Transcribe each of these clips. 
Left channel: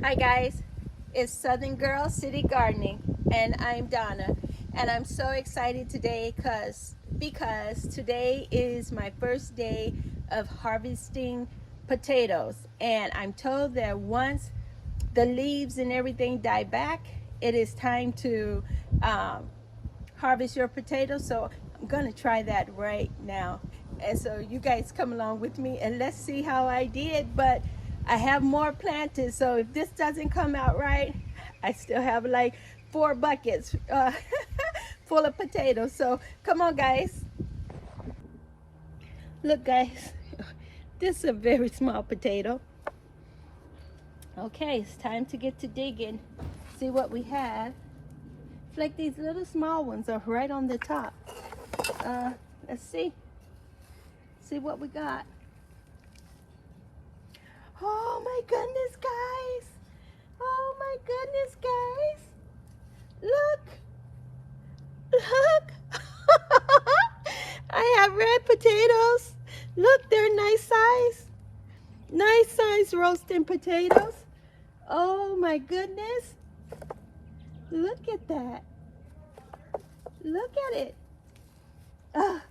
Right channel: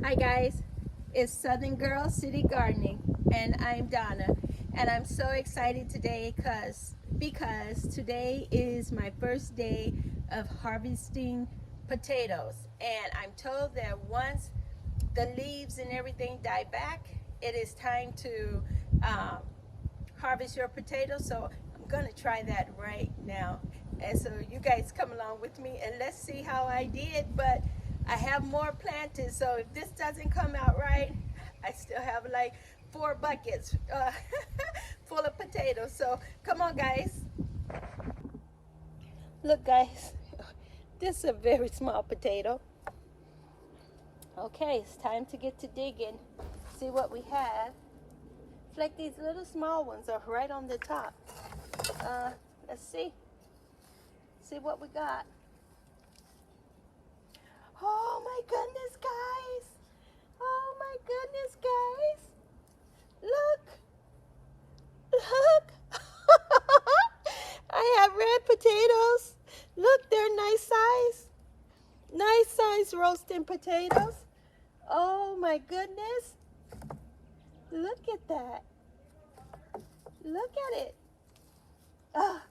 Hi guys, it's Southern Girl City Gardening and I'm Donna, and I'm so excited today because today is my first day of harvesting potatoes, and I'm told that once the leaves and everything die back, it is time to um, harvest your potatoes. So I'm gonna try that right now, and so you guys come along with me and let's see how I did. But I have more planted, so if this doesn't come out right, I still have like 4 buckets full of potatoes. So come on guys, look guys, this is a very small potato. Okay, it's time to get to digging, see what we have. It's like these little small ones are right on the top. Let's see what we got. Oh my goodness, guys. Oh my goodness, guys. Look. I have red potatoes. Look, they're nice size. Nice size roasting potatoes. Oh my goodness. Look at that. Look at it. Ah,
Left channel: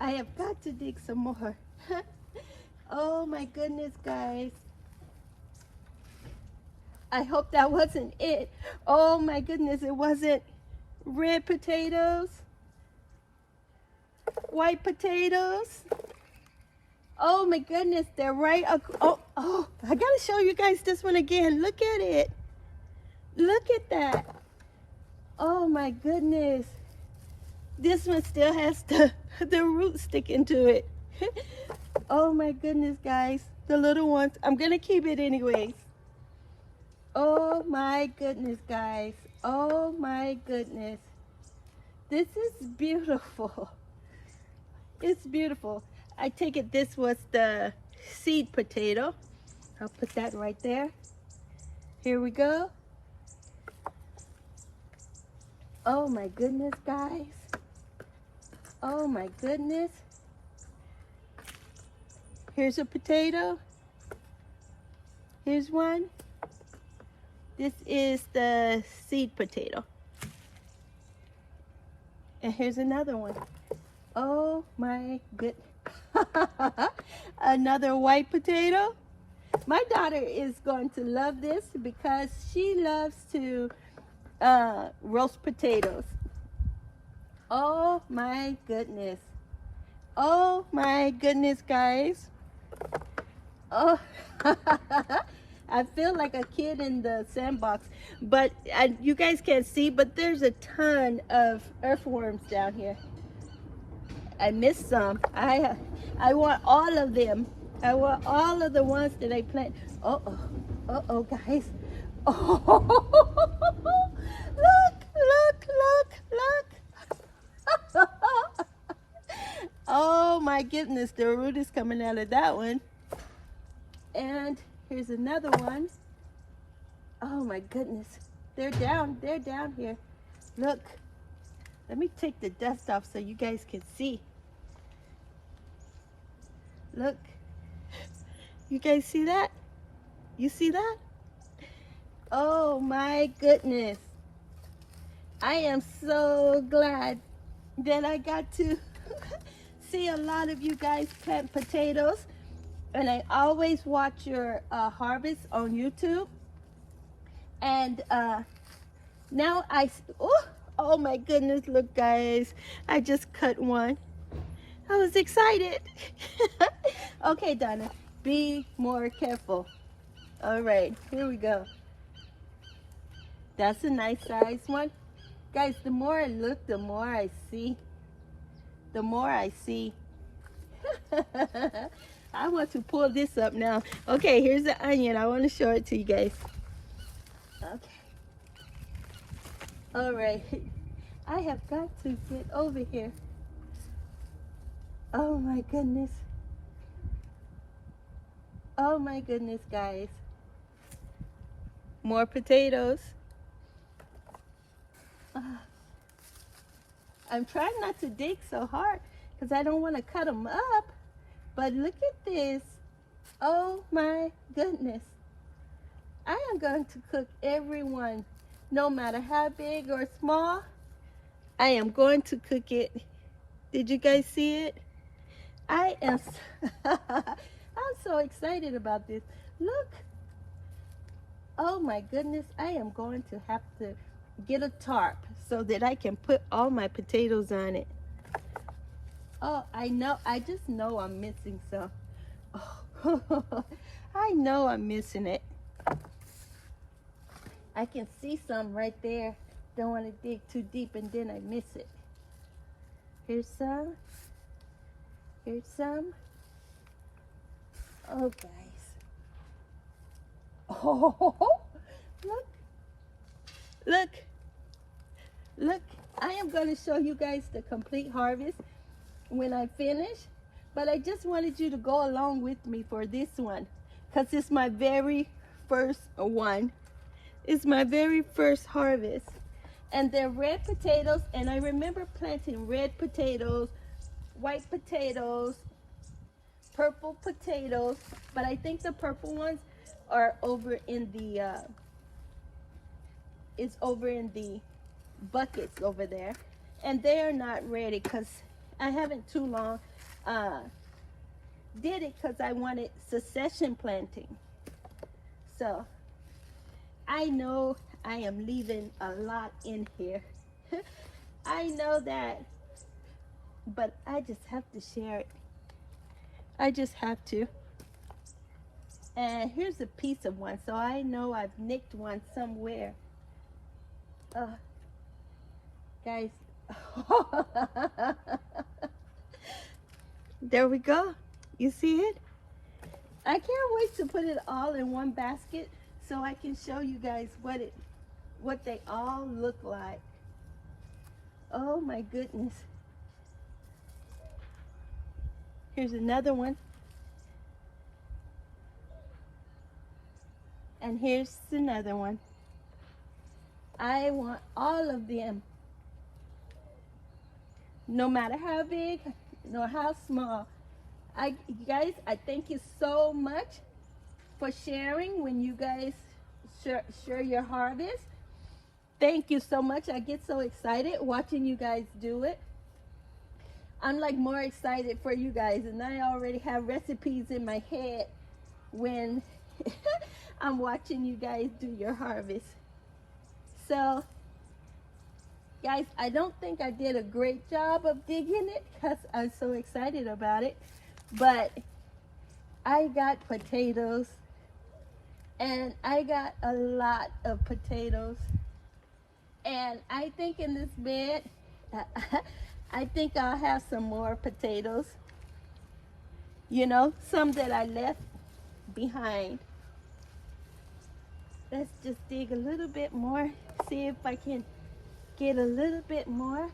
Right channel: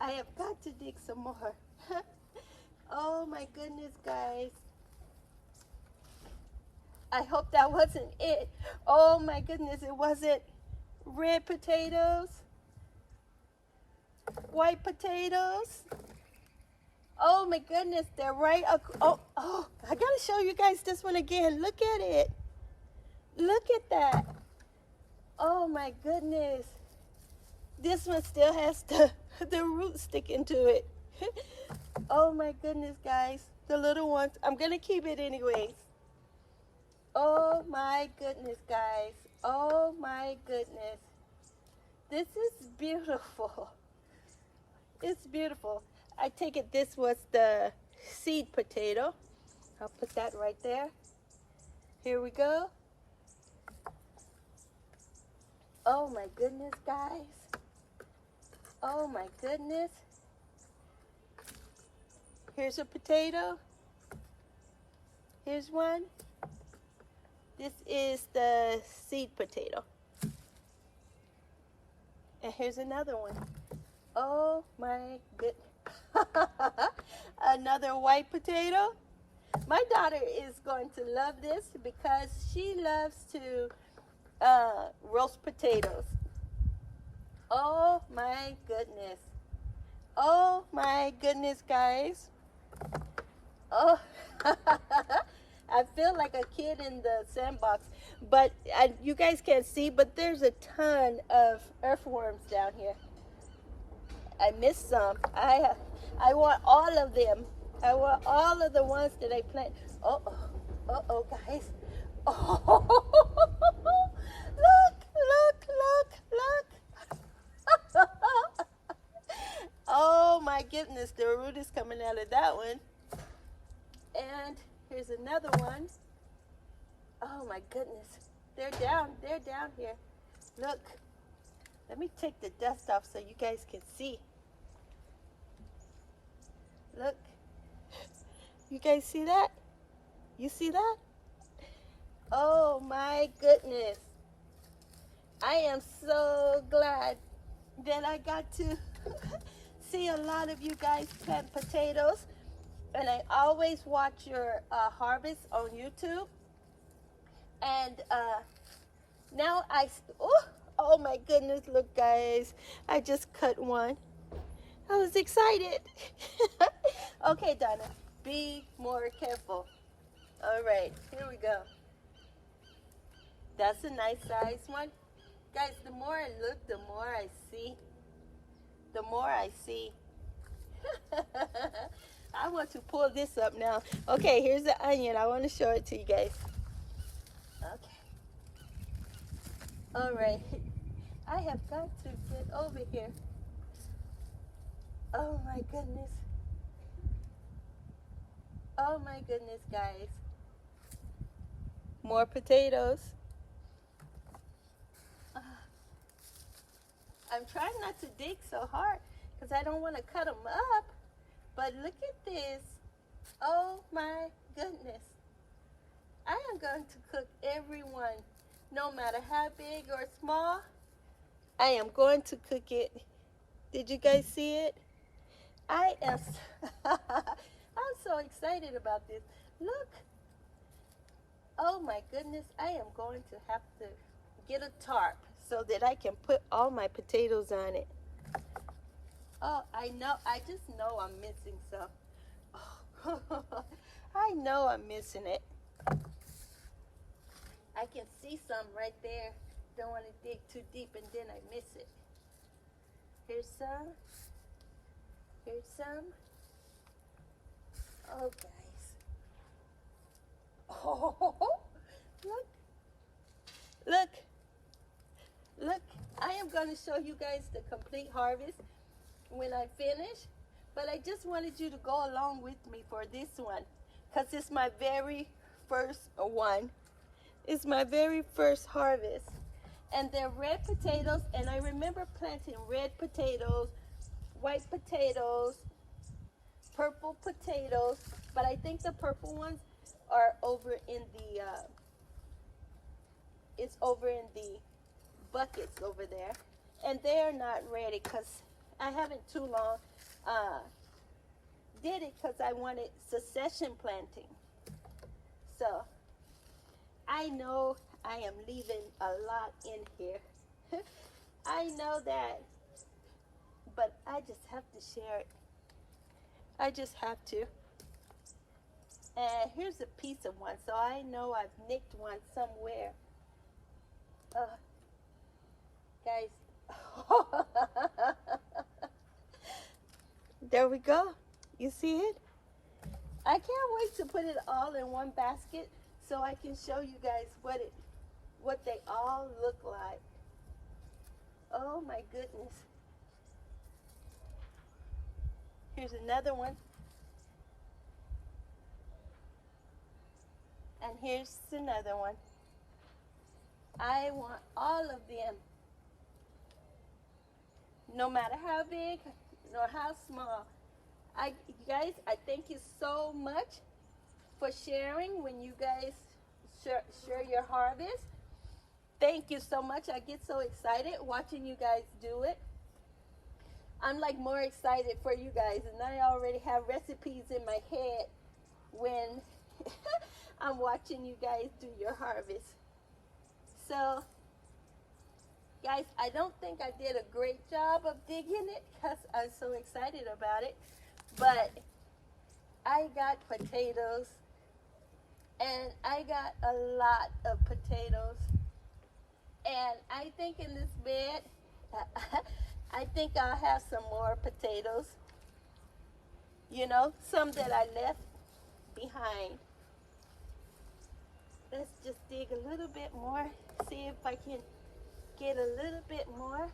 I have got to dig some more. Oh my goodness, guys. I hope that wasn't it. Oh my goodness, it wasn't. Red potatoes, white potatoes. Oh my goodness, they're right. Oh, I gotta show you guys this one again. Look at it. Look at that. Oh my goodness. This one still has the root sticking to it. Oh my goodness, guys. The little ones. I'm gonna keep it anyways. Oh my goodness, guys. Oh my goodness. This is beautiful. It's beautiful. I take it this was the seed potato. I'll put that right there. Here we go. Oh my goodness, guys. Oh my goodness. Here's a potato. Here's one. This is the seed potato. And here's another one. Oh my good. Another white potato. My daughter is going to love this because she loves to roast potatoes. Oh my goodness. Oh my goodness, guys. Oh, I feel like a kid in the sandbox, but you guys can't see, but there's a ton of earthworms down here. I missed some. I want all of them. I want all of the ones that I plant. Uh-oh, guys. Oh, look. Oh my goodness, the root is coming out of that one. And here's another one. Oh my goodness. They're down here. Look. Let me take the dust off so you guys can see. Look. You guys see that? You see that? Oh my goodness. I am so glad that I got to see a lot of you guys plant potatoes. And I always watch your harvest on YouTube. And now oh my goodness, look guys. I just cut one. I was excited. Okay, Donna, be more careful. All right, here we go. That's a nice size one. Guys, the more I look, the more I see. The more I see. I want to pull this up now. Okay, here's the onion. I want to show it to you guys. Okay. All right. I have got to get over here. Oh my goodness. Oh my goodness, guys. More potatoes. I'm trying not to dig so hard because I don't want to cut them up. But look at this. Oh my goodness. I am going to cook everyone, no matter how big or small. I am going to cook it. Did you guys see it? I am, I'm so excited about this. Look. Oh my goodness, I am going to have to get a tarp so that I can put all my potatoes on it. Oh, I know, I just know I'm missing some. Oh, I know I'm missing it. I can see some right there. Don't want to dig too deep and then I miss it. Here's some. Here's some. Oh, guys. Oh, look. Look. Look. I am going to show you guys the complete harvest when I finish. But I just wanted you to go along with me for this one. Because it's my very first one. It's my very first harvest. And they're red potatoes. And I remember planting red potatoes, white potatoes, purple potatoes. But I think the purple ones are over in the, it's over in the buckets over there. And they are not ready because I haven't too long did it because I wanted succession planting. So I know I am leaving a lot in here. I know that, but I just have to share it. I just have to. And here's a piece of one, so I know I've nicked one somewhere. Guys, there we go. You see it? I can't wait to put it all in one basket so I can show you guys what they all look like. Oh my goodness. Here's another one. And here's another one. I want all of them. No matter how big nor how small. You guys, I thank you so much for sharing when you guys share your harvest. Thank you so much. I get so excited watching you guys do it. I'm like more excited for you guys, and I already have recipes in my head when I'm watching you guys do your harvest. So guys, I don't think I did a great job of digging it because I'm so excited about it. But I got potatoes, and I got a lot of potatoes. And I think in this bed, I think I'll have some more potatoes. You know, some that I left behind. Let's just dig a little bit more, see if I can get a little bit more.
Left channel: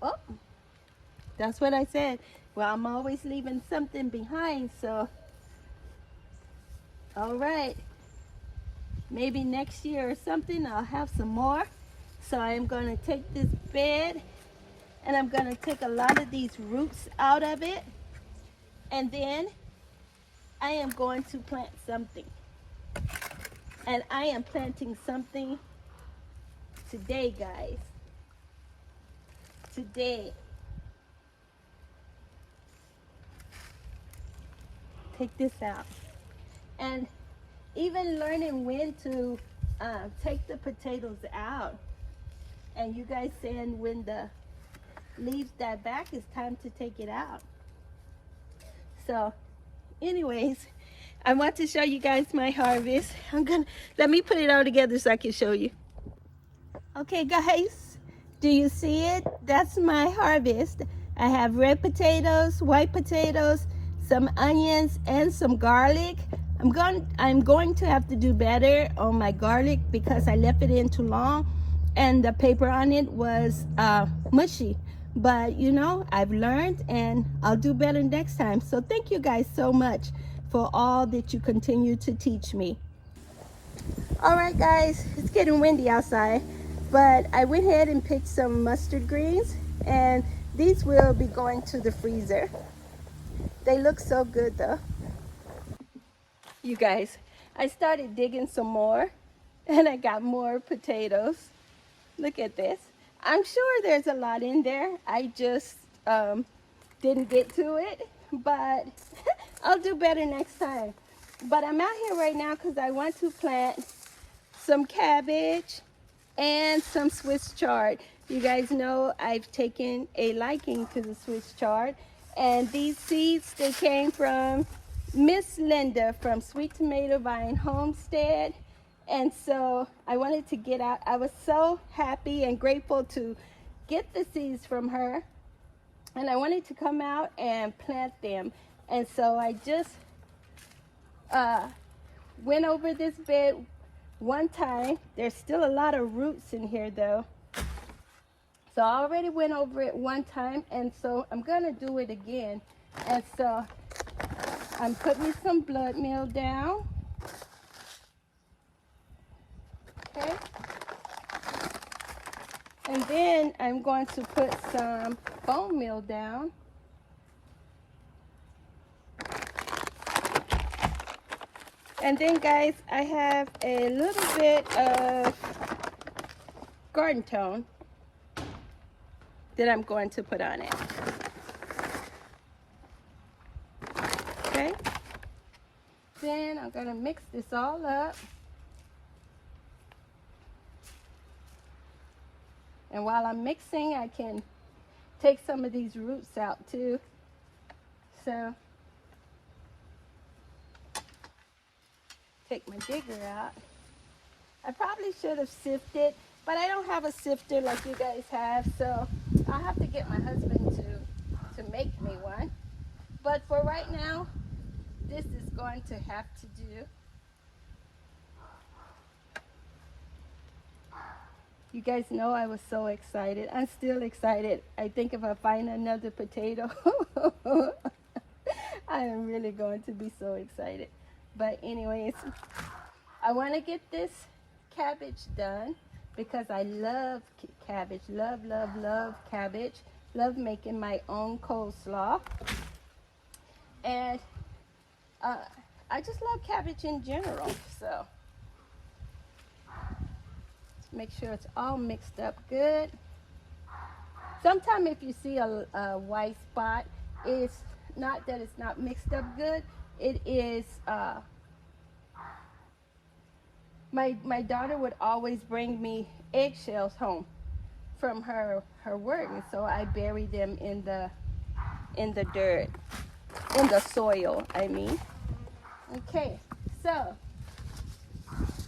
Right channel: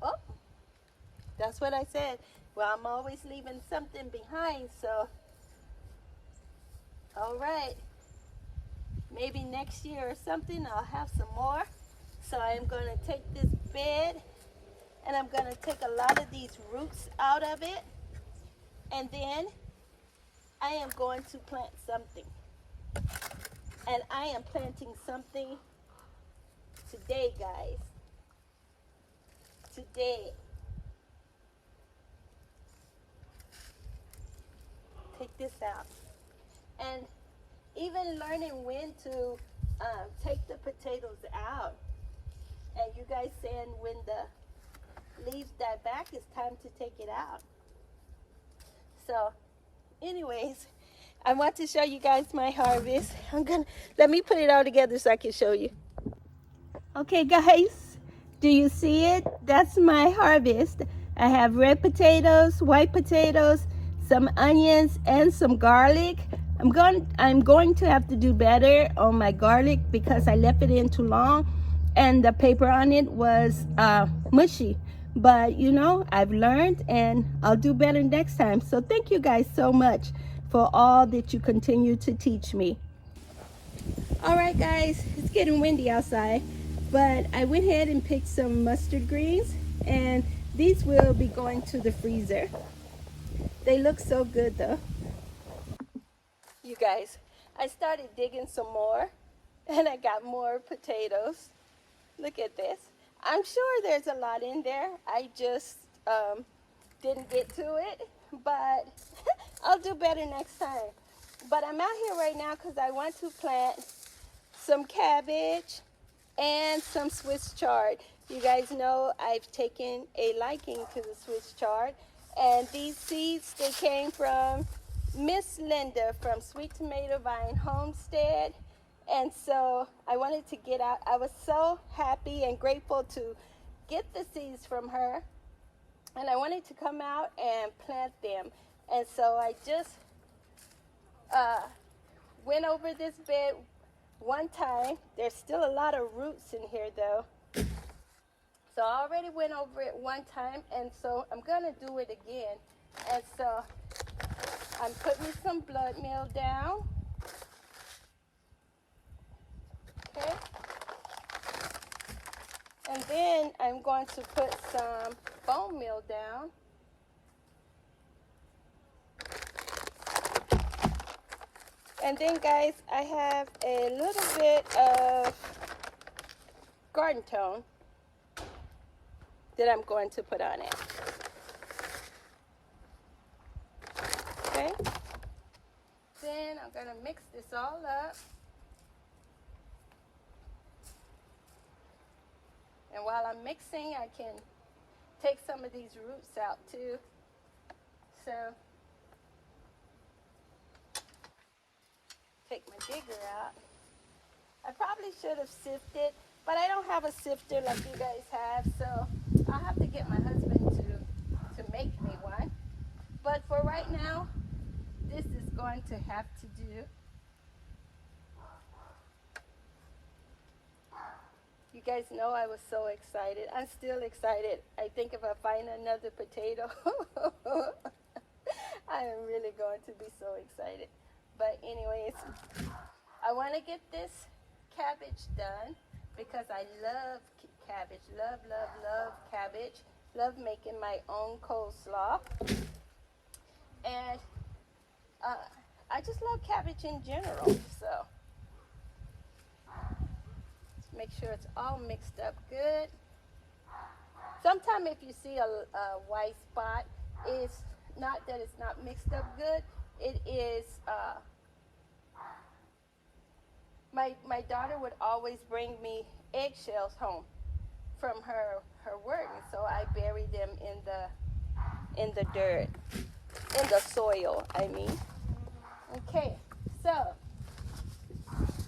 Oh, that's what I said. Well, I'm always leaving something behind, so. All right. Maybe next year or something, I'll have some more. So I'm going to take this bed, and I'm going to take a lot of these roots out of it. And then I am going to plant something. And I am planting something today, guys. Today. Take this out. And even learning when to take the potatoes out. And you guys saying when the leaves die back, it's time to take it out. So, anyways, I want to show you guys my harvest. Let me put it all together so I can show you. Okay, guys. Do you see it? That's my harvest. I have red potatoes, white potatoes, some onions, and some garlic. I'm going to have to do better on my garlic because I left it in too long and the paper on it was mushy. But you know, I've learned and I'll do better next time. So thank you guys so much for all that you continue to teach me. All right, guys, it's getting windy outside. But I went ahead and picked some mustard greens, and these will be going to the freezer. They look so good though. You guys, I started digging some more and I got more potatoes. Look at this. I'm sure there's a lot in there. I just didn't get to it, but I'll do better next time. But I'm out here right now because I want to plant some cabbage and some Swiss chard. You guys know I've taken a liking to the Swiss chard, and these seeds, they came from Miss Linda from Sweet Tomato Vine Homestead. And so I wanted to get out. I was so happy and grateful to get the seeds from her, and I wanted to come out and plant them. And so I just went over this bed one time. There's still a lot of roots in here though. So I already went over it one time, and so I'm gonna do it again. And so I'm putting some blood meal down. Okay. And then I'm going to put some bone meal down. And then guys, I have a little bit of garden tone that I'm going to put on it. Okay. Then I'm gonna mix this all up. And while I'm mixing, I can take some of these roots out too. So, take my digger out. I probably should have sifted, but I don't have a sifter like you guys have, so I'll have to get my husband to make me one. But for right now, this is going to have to do. You guys know I was so excited. I'm still excited. I think if I find another potato, I am really going to be so excited. But anyways, I want to get this cabbage done because I love cabbage. Love, love, love cabbage. Love making my own coleslaw. And I just love cabbage in general, so. Make sure it's all mixed up good. Sometimes if you see a white spot, it's not that it's not mixed up good. It is, my daughter would always bring me eggshells home from her work, and so I bury them in the dirt, in the soil, I mean. Okay, so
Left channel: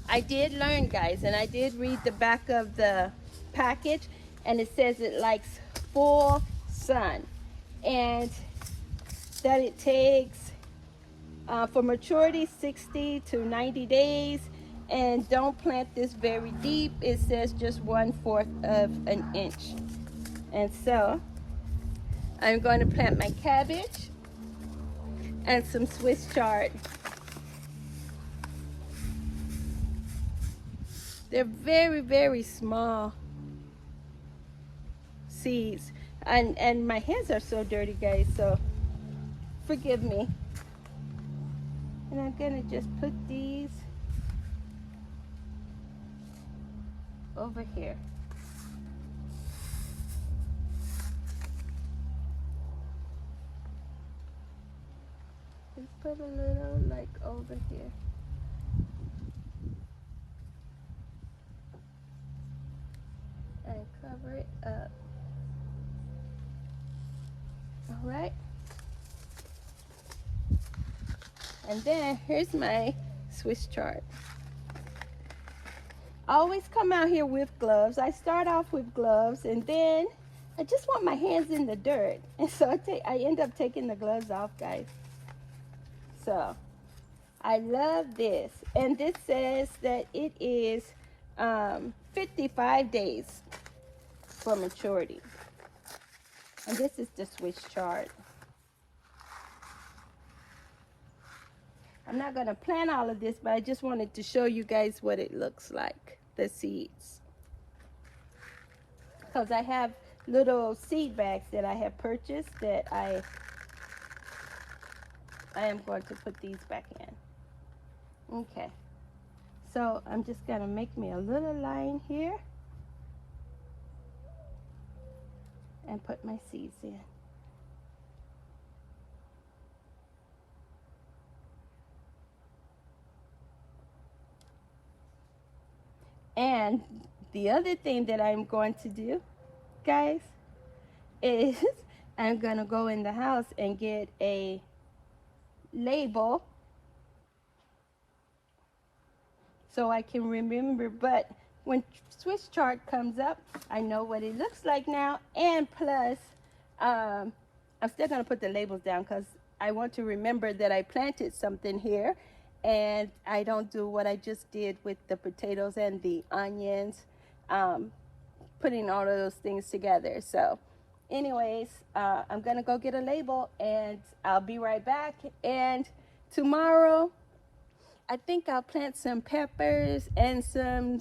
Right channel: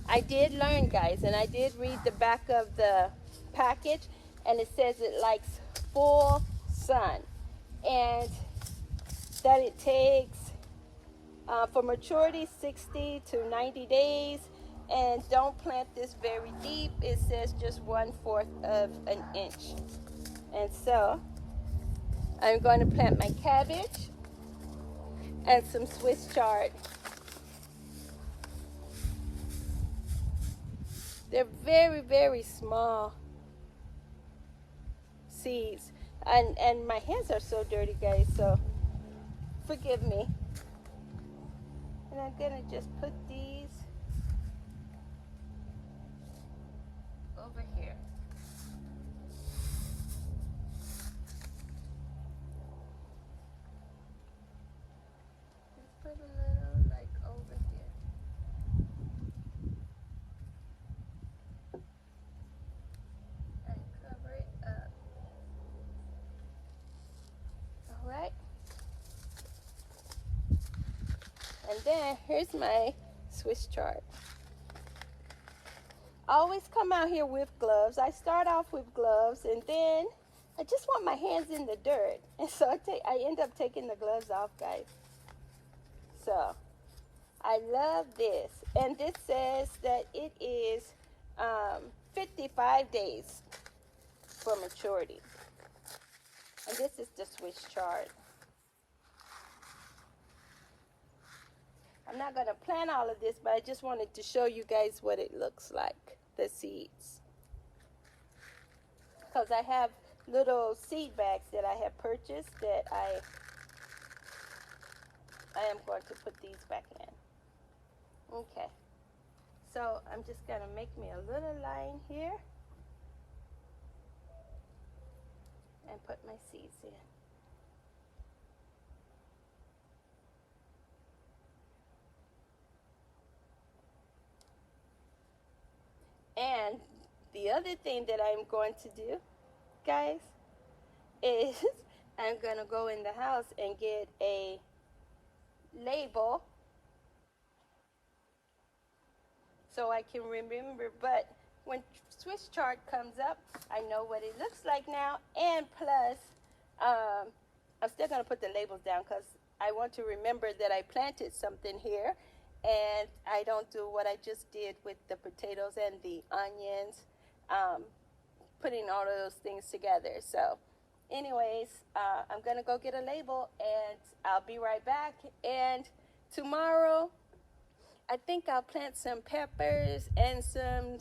I did learn, guys, and I did read the back of the package, and it says it likes full sun, and that it takes for maturity 60 to 90 days, and don't plant this very deep. It says just 1/4 of an inch. And so I'm going to plant my cabbage and some Swiss chard. They're very, very small seeds. And my hands are so dirty, guys, so forgive me. And I'm gonna just put these over here. Let's put a little like over here. And cover it up. All right. And then here's my Swiss chard. I always come out here with gloves. I start off with gloves, and then I just want my hands in the dirt. And so I end up taking the gloves off, guys. So I love this. And this says that it is 55 days for maturity. And this is the Swiss chard. I'm not going to plant all of this, but I just wanted to show you guys what it looks like, the seeds. Because I have little seed bags that I have purchased that I am going to put these back in. Okay. So I'm just gonna make me a little line here and put my seeds in. And the other thing that I'm going to do, guys, is I'm gonna go in the house and get a label so I can remember. But when Swiss chart comes up, I know what it looks like now. And plus, I'm still gonna put the labels down because I want to remember that I planted something here, and I don't do what I just did with the potatoes and the onions, putting all of those things together. So anyways, I'm gonna go get a label and I'll be right back. And tomorrow, I think I'll plant some peppers and some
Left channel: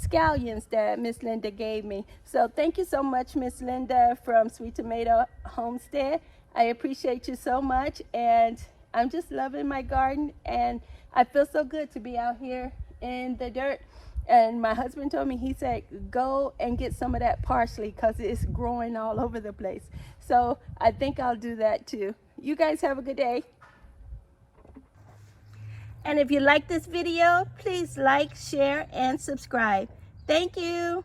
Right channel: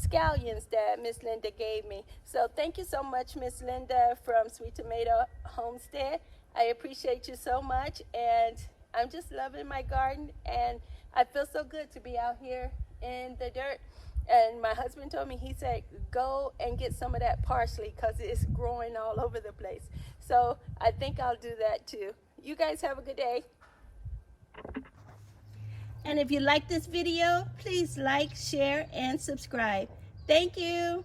scallions that Miss Linda gave me. So thank you so much, Miss Linda from Sweet Tomato Homestead. I appreciate you so much, and I'm just loving my garden, and I feel so good to be out here in the dirt. And my husband told me, he said, go and get some of that parsley because it's growing all over the place. So I think I'll do that too. You guys have a good day. And if you like this video, please like, share, and subscribe. Thank you.